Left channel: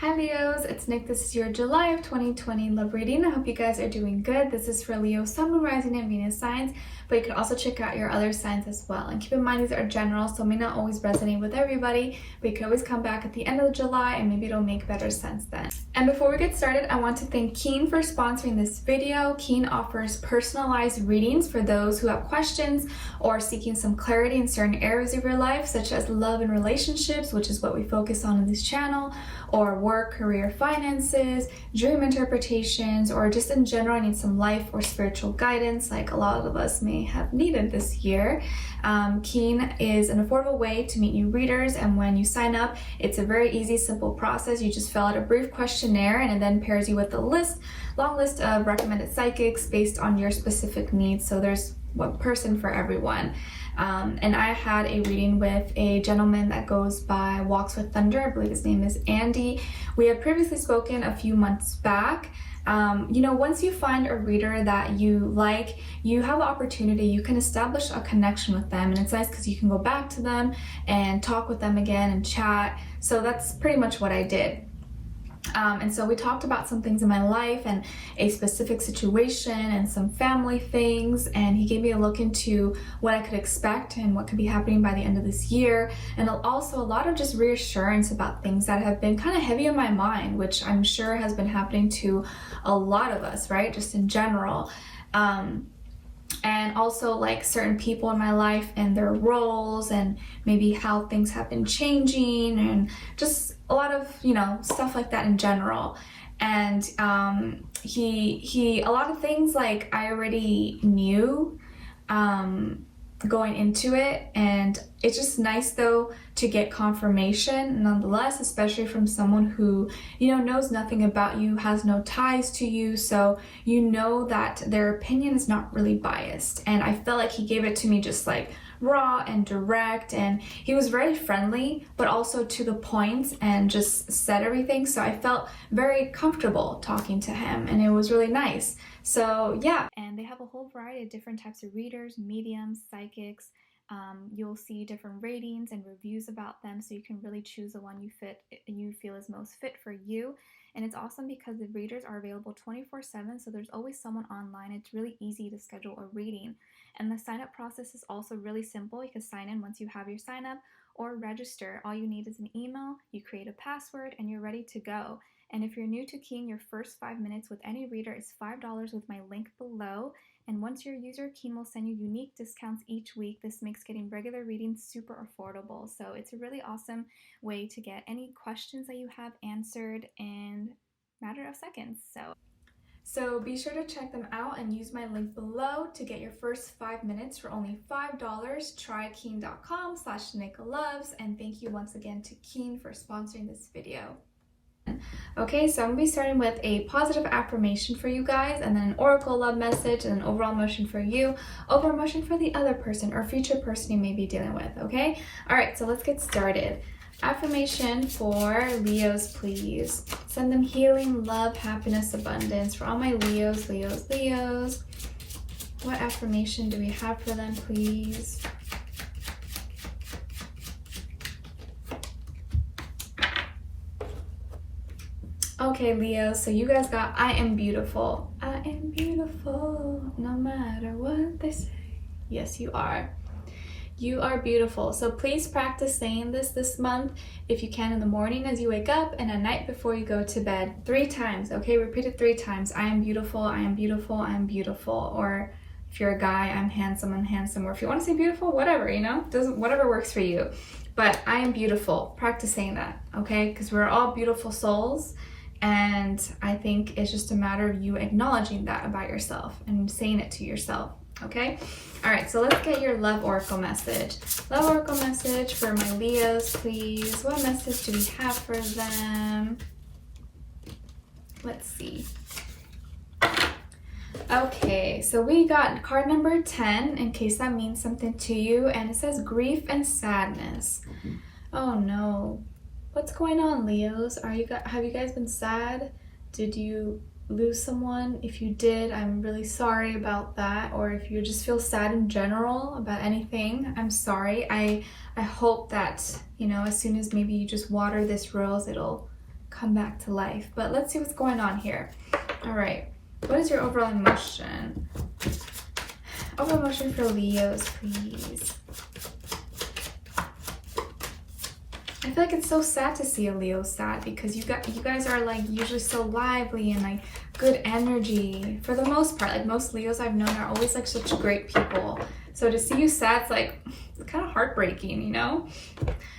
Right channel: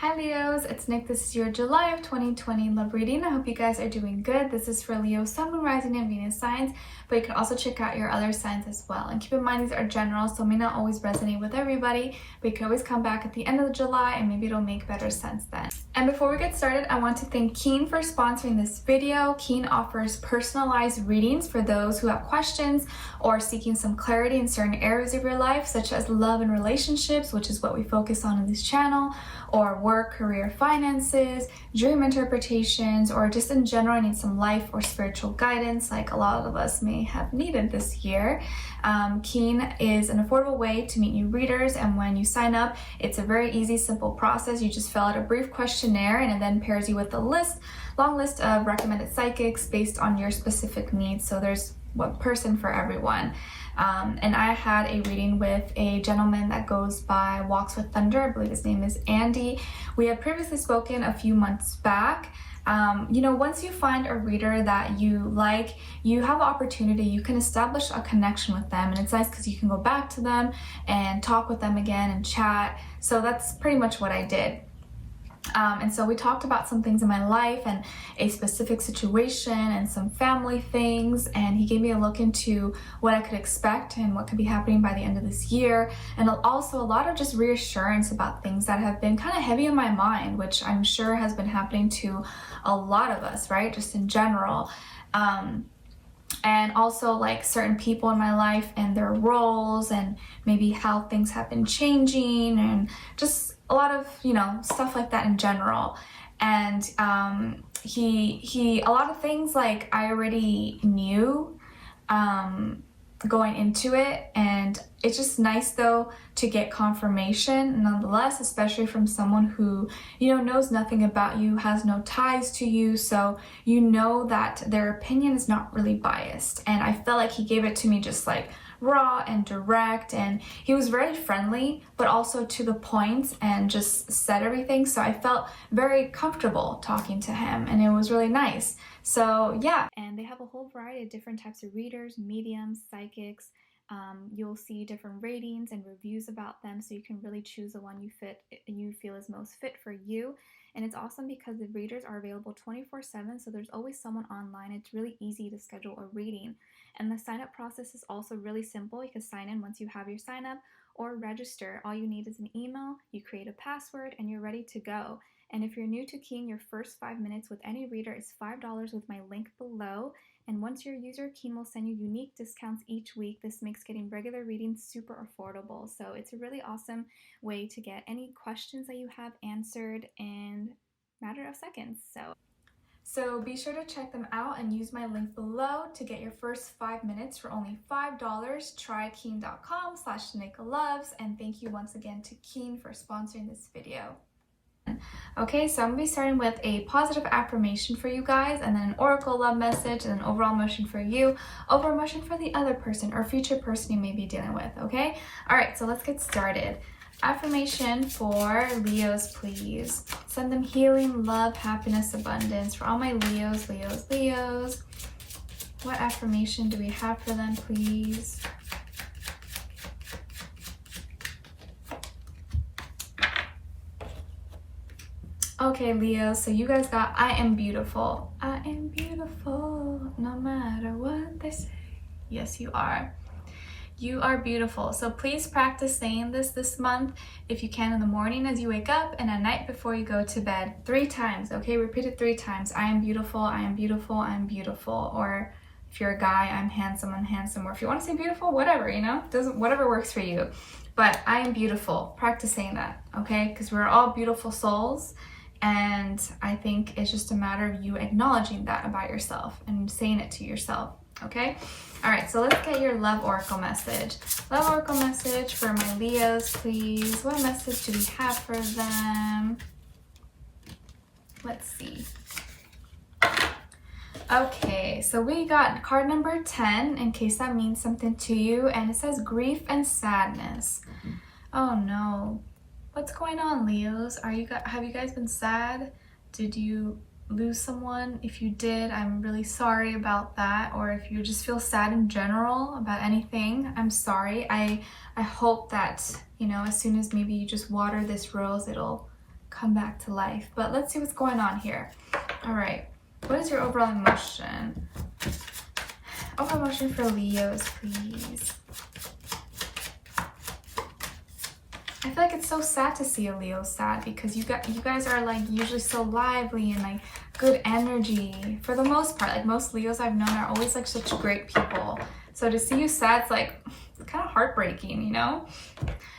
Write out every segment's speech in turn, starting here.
Hi Leos, it's Nick. This is your July of 2020 love reading. I hope you guys are doing good. This is for Leo, Sun, Moon, Rising, and Venus signs, but you can also check out your other signs as well. And keep in mind these are general, so may not always resonate with everybody, but you can always come back at the end of July and maybe it'll make better sense then. And before we get started, I want to thank Keane for sponsoring this video. Keane offers personalized readings for those who have questions or seeking some clarity in certain areas of your life, such as love and relationships, which is what we focus on in this channel, or work, career, finances, dream interpretations, or just in general, I need some life or spiritual guidance like a lot of us may have needed this year. Keane is an affordable way to meet new readers, and when you sign up, it's a very easy, simple process. You just fill out a brief questionnaire and it then pairs you with a long list of recommended psychics based on your specific needs. So there's one person for everyone. And I had a reading with a gentleman that goes by Walks with Thunder. I believe his name is Andy. We had previously spoken a few months back. Once you find a reader that you like, you have the opportunity, you can establish a connection with them, and it's nice because you can go back to them and talk with them again and chat. So that's pretty much what I did. And so we talked about some things in my life and a specific situation and some family things, and he gave me a look into what I could expect and what could be happening by the end of this year, and also a lot of just reassurance about things that have been kind of heavy in my mind, which I'm sure has been happening to a lot of us, right? Just in general. And also like certain people in my life and their roles and maybe how things have been changing and just a lot of, stuff like that in general. And he a lot of things like I already knew going into it, and it's just nice though to get confirmation nonetheless, especially from someone who knows nothing about you, has no ties to you, so you know that their opinion is not really biased. And I felt like he gave it to me just like raw and direct, and he was very friendly but also to the point and just said everything, so I felt very comfortable talking to him, and it was really nice. So yeah, and they have a whole variety of different types of readers, mediums, psychics. You'll see different ratings and reviews about them, so you can really choose the one you feel is most fit for you. And it's awesome because the readers are available 24/7, so there's always someone online. It's really easy to schedule a reading, and the sign-up process is also really simple. You can sign in once you have your sign-up or register. All you need is an email, you create a password, and you're ready to go. And if you're new to Keane, your first 5 minutes with any reader is $5 with my link below. And once you're a user, Keane will send you unique discounts each week. This makes getting regular readings super affordable. So it's a really awesome way to get any questions that you have answered in a matter of seconds. So be sure to check them out and use my link below to get your first 5 minutes for only $5. Try Keane.com/Nicloves, and thank you once again to Keane for sponsoring this video. Okay, so I'm going to be starting with a positive affirmation for you guys, and then an oracle love message, and an overall emotion for you, overall emotion for the other person or future person you may be dealing with, okay? Alright, so let's get started. Affirmation for Leos, please. Send them healing, love, happiness, abundance. For all my Leos. What affirmation do we have for them, please? Okay, Leo, so you guys got I am beautiful. I am beautiful no matter what they say. Yes, you are. You are beautiful. So please practice saying this month if you can, in the morning as you wake up and at night before you go to bed 3 times, okay? Repeat it 3 times. I am beautiful, I am beautiful, I am beautiful. Or if you're a guy, I'm handsome, I'm handsome. Or if you want to say beautiful, whatever, whatever works for you. But I am beautiful. Practice saying that, okay? Because we're all beautiful souls. And I think it's just a matter of you acknowledging that about yourself and saying it to yourself, okay? All right, so let's get your love oracle message. Love oracle message for my Leos, please. What message do we have for them? Let's see. Okay, so we got card number 10, in case that means something to you, and it says grief and sadness. Oh no. What's going on, Leos? Have you guys been sad? Did you lose someone? If you did, I'm really sorry about that. Or if you just feel sad in general about anything, I'm sorry. I hope that, as soon as maybe you just water this rose, it'll come back to life. But let's see what's going on here. All right, what is your overall emotion? Overall emotion for Leos, please. I feel like it's so sad to see a Leo sad, because you guys are like usually so lively and like good energy for the most part. Like most Leos I've known are always like such great people. So to see you sad, it's like, it's kind of heartbreaking, you know?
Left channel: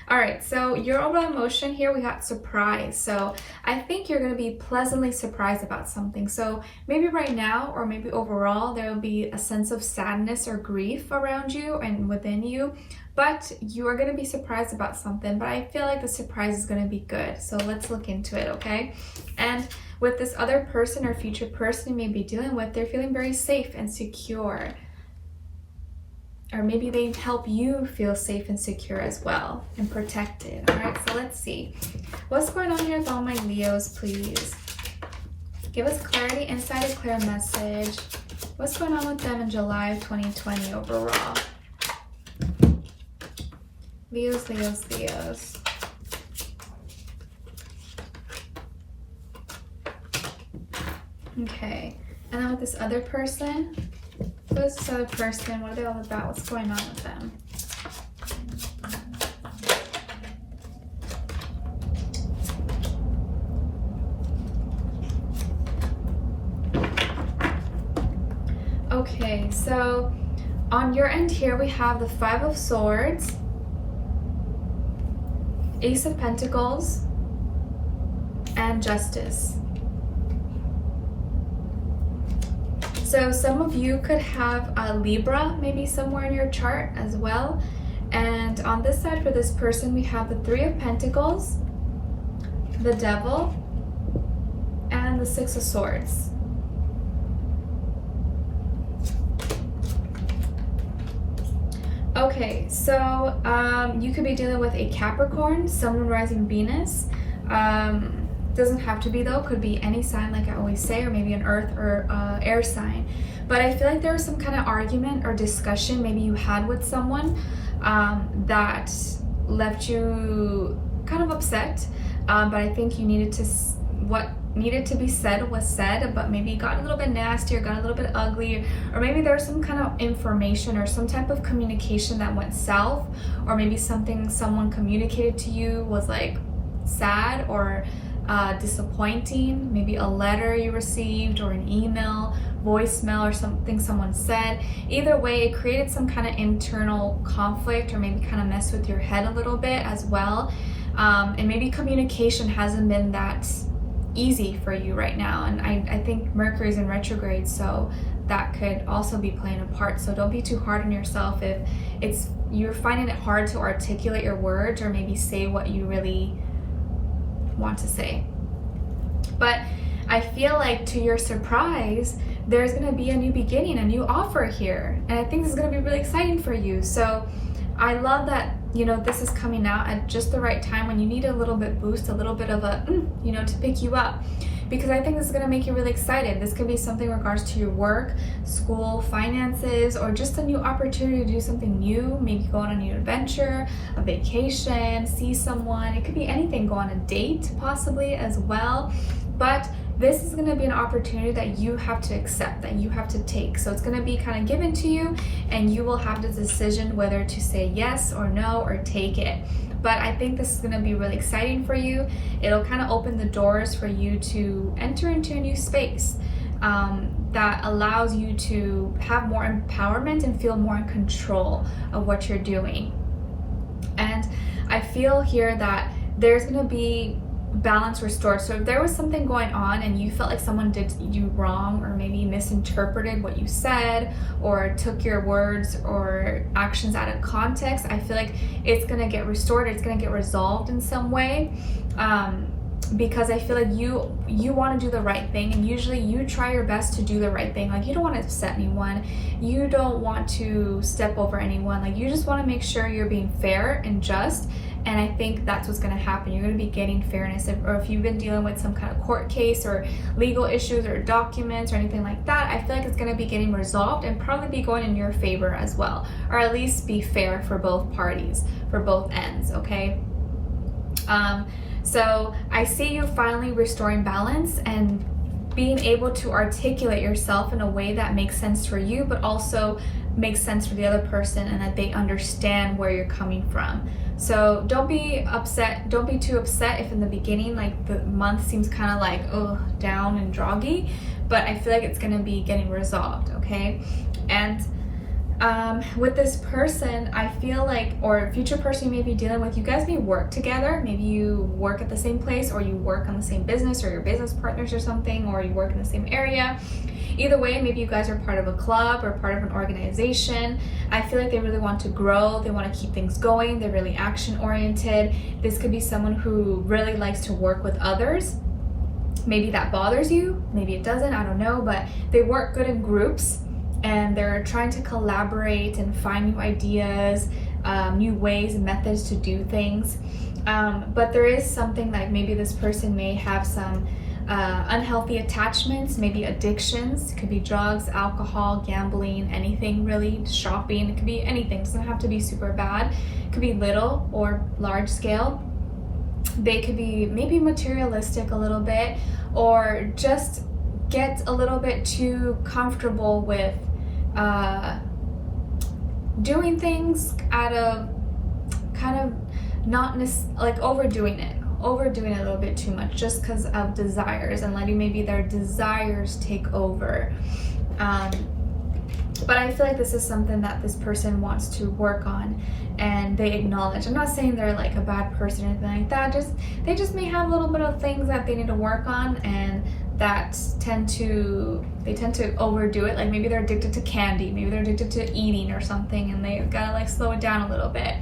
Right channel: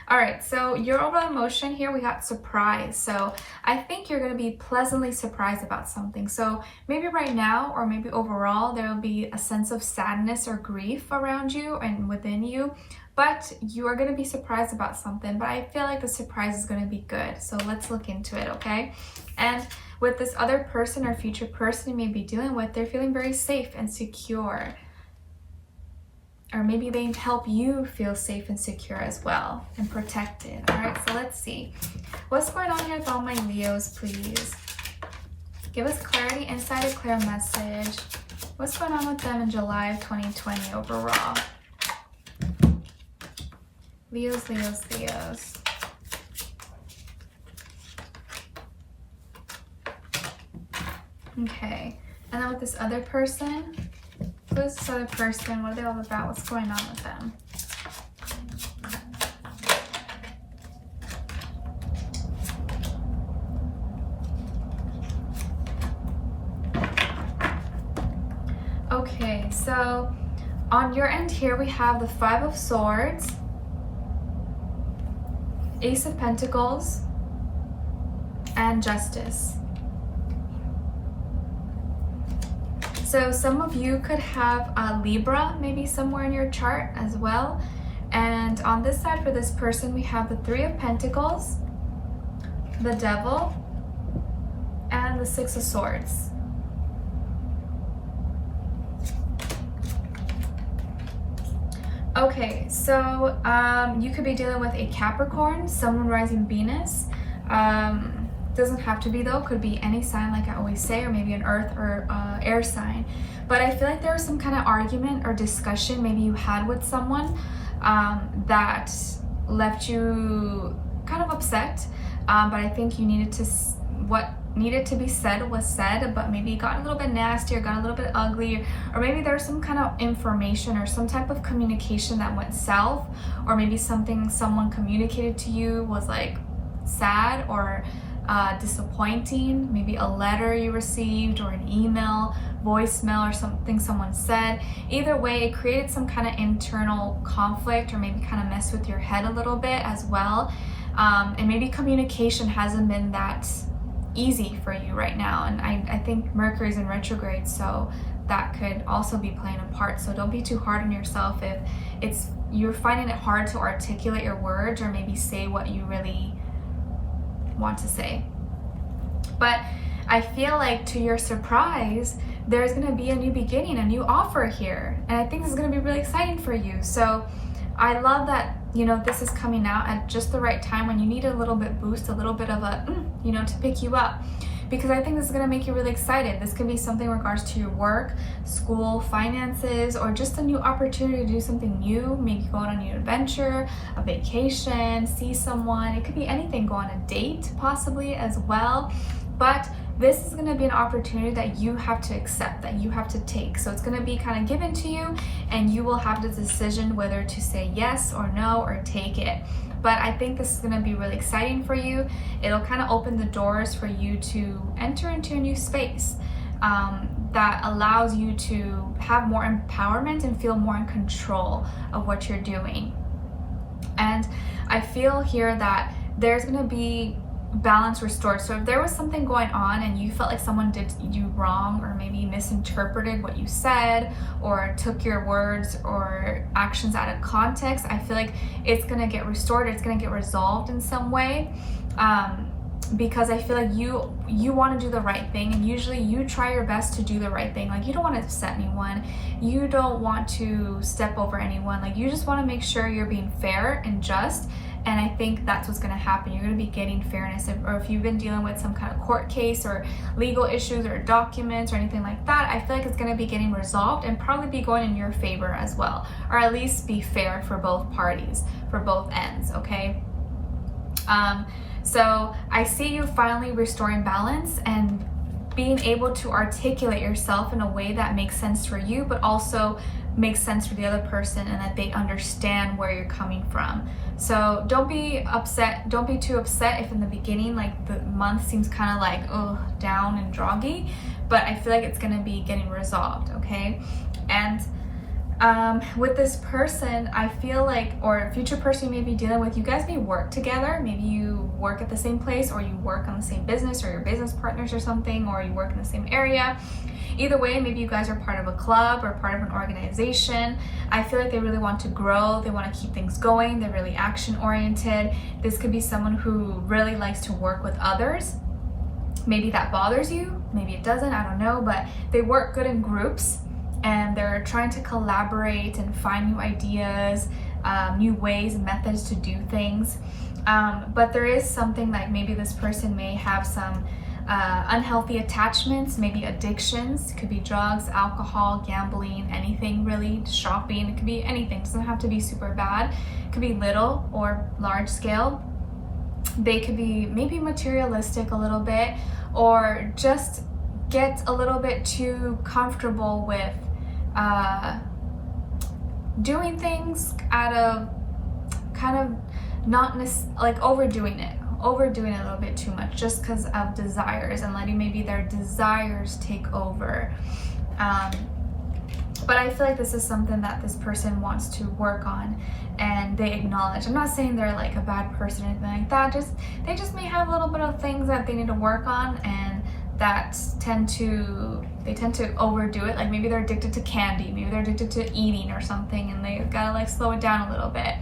All right, so your overall emotion here, we got surprise. So I think you're going to be pleasantly surprised about something. So maybe right now, or maybe overall, there will be a sense of sadness or grief around you and within you, but you are going to be surprised about something. But I feel like the surprise is going to be good. So let's look into it, okay? And with this other person or future person you may be dealing with, they're feeling very safe and secure. Or maybe they help you feel safe and secure as well and protected. All right, so let's see. What's going on here with all my Leos, please? Give us clarity, insight, a clear message. What's going on with them in July of 2020 overall? Leos, Leos, Leos. Okay, and then with this other person, who is this other person? What are they all about? What's going on with them? Okay, so on your end here, we have the Five of Swords, Ace of Pentacles, and Justice. So some of you could have a Libra maybe somewhere in your chart as well. And on this side for this person, we have the Three of Pentacles, the Devil, and the Six of Swords. Okay, so you could be dealing with a Capricorn, Sun, Moon, Rising, Venus. Doesn't have to be though, could be any sign like I always say, or maybe an earth or air sign. But I feel like there was some kind of argument or discussion maybe you had with someone that left you kind of upset, but I think you needed to, what needed to be said was said, but maybe it got a little bit nasty or got a little bit ugly, or maybe there was some kind of information or some type of communication that went south, or maybe something someone communicated to you was like sad or disappointing, maybe a letter you received or an email, voicemail, or something someone said. Either way, it created some kind of internal conflict, or maybe kind of messed with your head a little bit as well. And maybe communication hasn't been that easy for you right now. And I think Mercury's in retrograde, so that could also be playing a part. So don't be too hard on yourself if you're finding it hard to articulate your words or maybe say what you really want to say. But I feel like, to your surprise, there's going to be a new beginning, a new offer here, and I think this is going to be really exciting for you. So I love that, you know, this is coming out at just the right time when you need a little bit boost, a little bit of a you know, to pick you up, because I think this is going to make you really excited. This could be something in regards to your work, school, finances, or just a new opportunity to do something new. Maybe go on a new adventure, a vacation, see someone. It could be anything. Go on a date possibly as well. But this is going to be an opportunity that you have to accept, that you have to take. So it's going to be kind of given to you, and you will have the decision whether to say yes or no or take it. But I think this is going to be really exciting for you. It'll kind of open the doors for you to enter into a new space that allows you to have more empowerment and feel more in control of what you're doing. And I feel here that there's going to be balance restored. So if there was something going on and you felt like someone did you wrong, or maybe misinterpreted what you said, or took your words or actions out of context, I feel like it's going to get restored. It's going to get resolved in some way, because I feel like you want to do the right thing, and usually you try your best to do the right thing. Like, you don't want to upset anyone, you don't want to step over anyone, like you just want to make sure you're being fair and just. And I think that's what's going to happen. You're going to be getting fairness. Or if you've been dealing with some kind of court case or legal issues or documents or anything like that, I feel like it's going to be getting resolved and probably be going in your favor as well. Or at least be fair for both parties, for both ends, okay? So I see you finally restoring balance and being able to articulate yourself in a way that makes sense for you, but also makes sense for the other person, and that they understand where you're coming from. So don't be upset. Don't be too upset if in the beginning, like, the month seems kind of like, oh, down and droggy, but I feel like it's going to be getting resolved, okay? And with this person, I feel like, or future person you may be dealing with, you guys may work together. Maybe you work at the same place, or you work on the same business, or you're business partners or something, or you work in the same area. Either way, maybe you guys are part of a club or part of an organization. I feel like they really want to grow. They want to keep things going. They're really action oriented. This could be someone who really likes to work with others. Maybe that bothers you. Maybe it doesn't. I don't know. But they work good in groups, and they're trying to collaborate and find new ideas, new ways and methods to do things. But there is something like maybe this person may have some unhealthy attachments, maybe addictions. It could be drugs, alcohol, gambling, anything really, shopping. It could be anything. It doesn't have to be super bad. It could be little or large scale. They could be maybe materialistic a little bit, or just get a little bit too comfortable with doing things at a kind of not like overdoing it a little bit too much, just because of desires, and letting maybe their desires take over. But I feel like this is something that this person wants to work on, and they acknowledge. I'm not saying they're like a bad person or anything like that, they just may have a little bit of things that they need to work on, and that tend to overdo it. Like maybe they're addicted to candy, maybe they're addicted to eating or something, and they gotta like slow it down a little bit.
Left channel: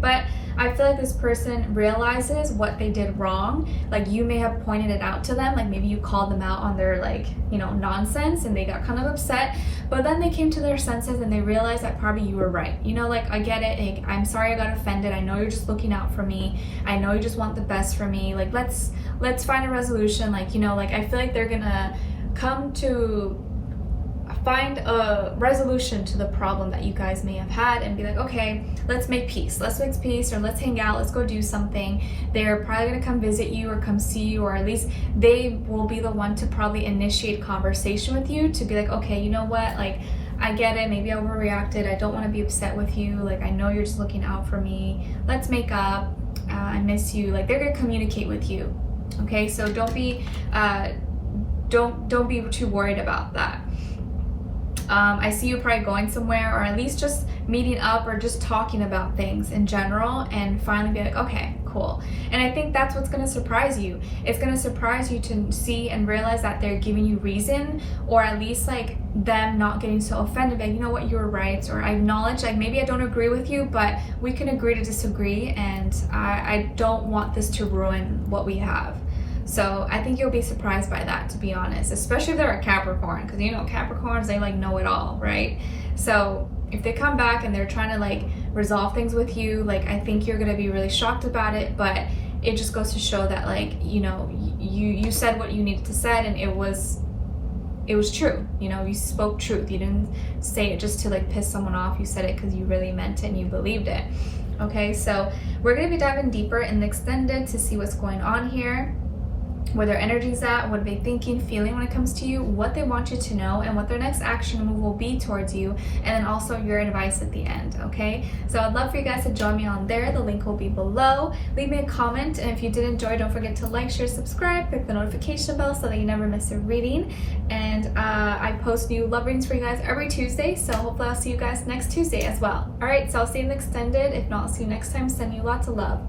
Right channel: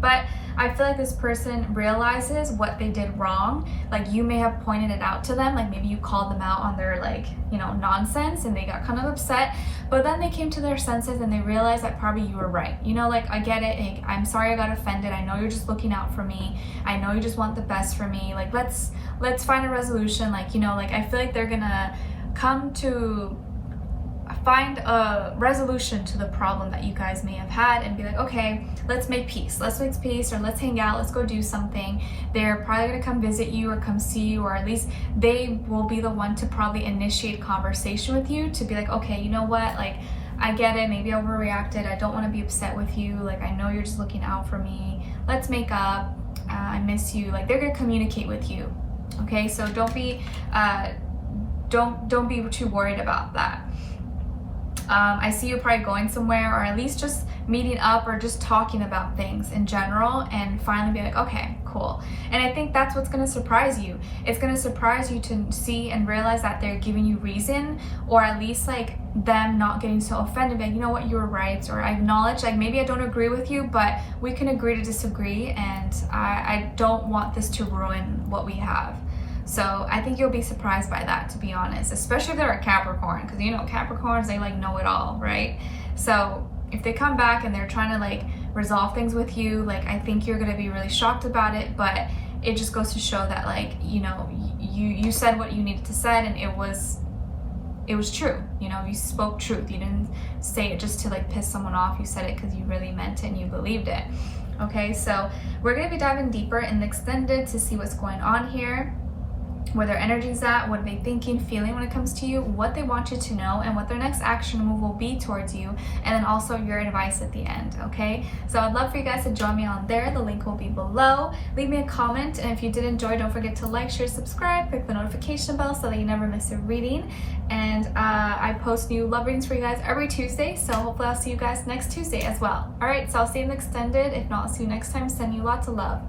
But I feel like this person realizes what they did wrong. Like you may have pointed it out to them, like maybe you called them out on their like, you know, nonsense, and they got kind of upset, but then they came to their senses and they realized that probably you were right. You know, like, I get it, like, I'm sorry I got offended, I know you're just looking out for me, I know you just want the best for me, like let's find a resolution. Like, you know, like I feel like they're gonna come to find a resolution to the problem that you guys may have had, and be like, okay, let's make peace, or let's hang out, let's go do something. They're probably gonna come visit you or come see you, or at least they will be the one to probably initiate conversation with you, to be like, okay, you know what, like, I get it, maybe I overreacted, I don't want to be upset with you, like I know you're just looking out for me, let's make up, I miss you. Like they're gonna communicate with you, okay? So don't be too worried about that. I see you probably going somewhere, or at least just meeting up, or just talking about things in general, and finally be like, okay, cool. And I think that's what's going to surprise you. It's going to surprise you to see and realize that they're giving you reason, or at least like them not getting so offended, like, you know what, you were right, or I acknowledge, like, maybe I don't agree with you, but we can agree to disagree, and I don't want this to ruin what we have. So I think you'll be surprised by that, to be honest, especially if they're a Capricorn, because you know Capricorns, they like know it all, right? So if they come back and they're trying to like resolve things with you, like I think you're gonna be really shocked about it, but it just goes to show that, like, you know, you said what you needed to say, and it was true. You know, you spoke truth. You didn't say it just to like piss someone off. You said it because you really meant it and you believed it. Okay, so we're gonna be diving deeper in the extended to see what's going on here, where their energy's at, what are they thinking, feeling when it comes to you, what they want you to know, and what their next action move will be towards you, and then also your advice at the end, okay? So I'd love for you guys to join me on there. The link will be below. Leave me a comment, and if you did enjoy, don't forget to like, share, subscribe, click the notification bell so that you never miss a reading. And I post new love readings for you guys every Tuesday, so hopefully I'll see you guys next Tuesday as well. All right, so I'll see you in the extended. If not, I'll see you next time. Sending you lots of love.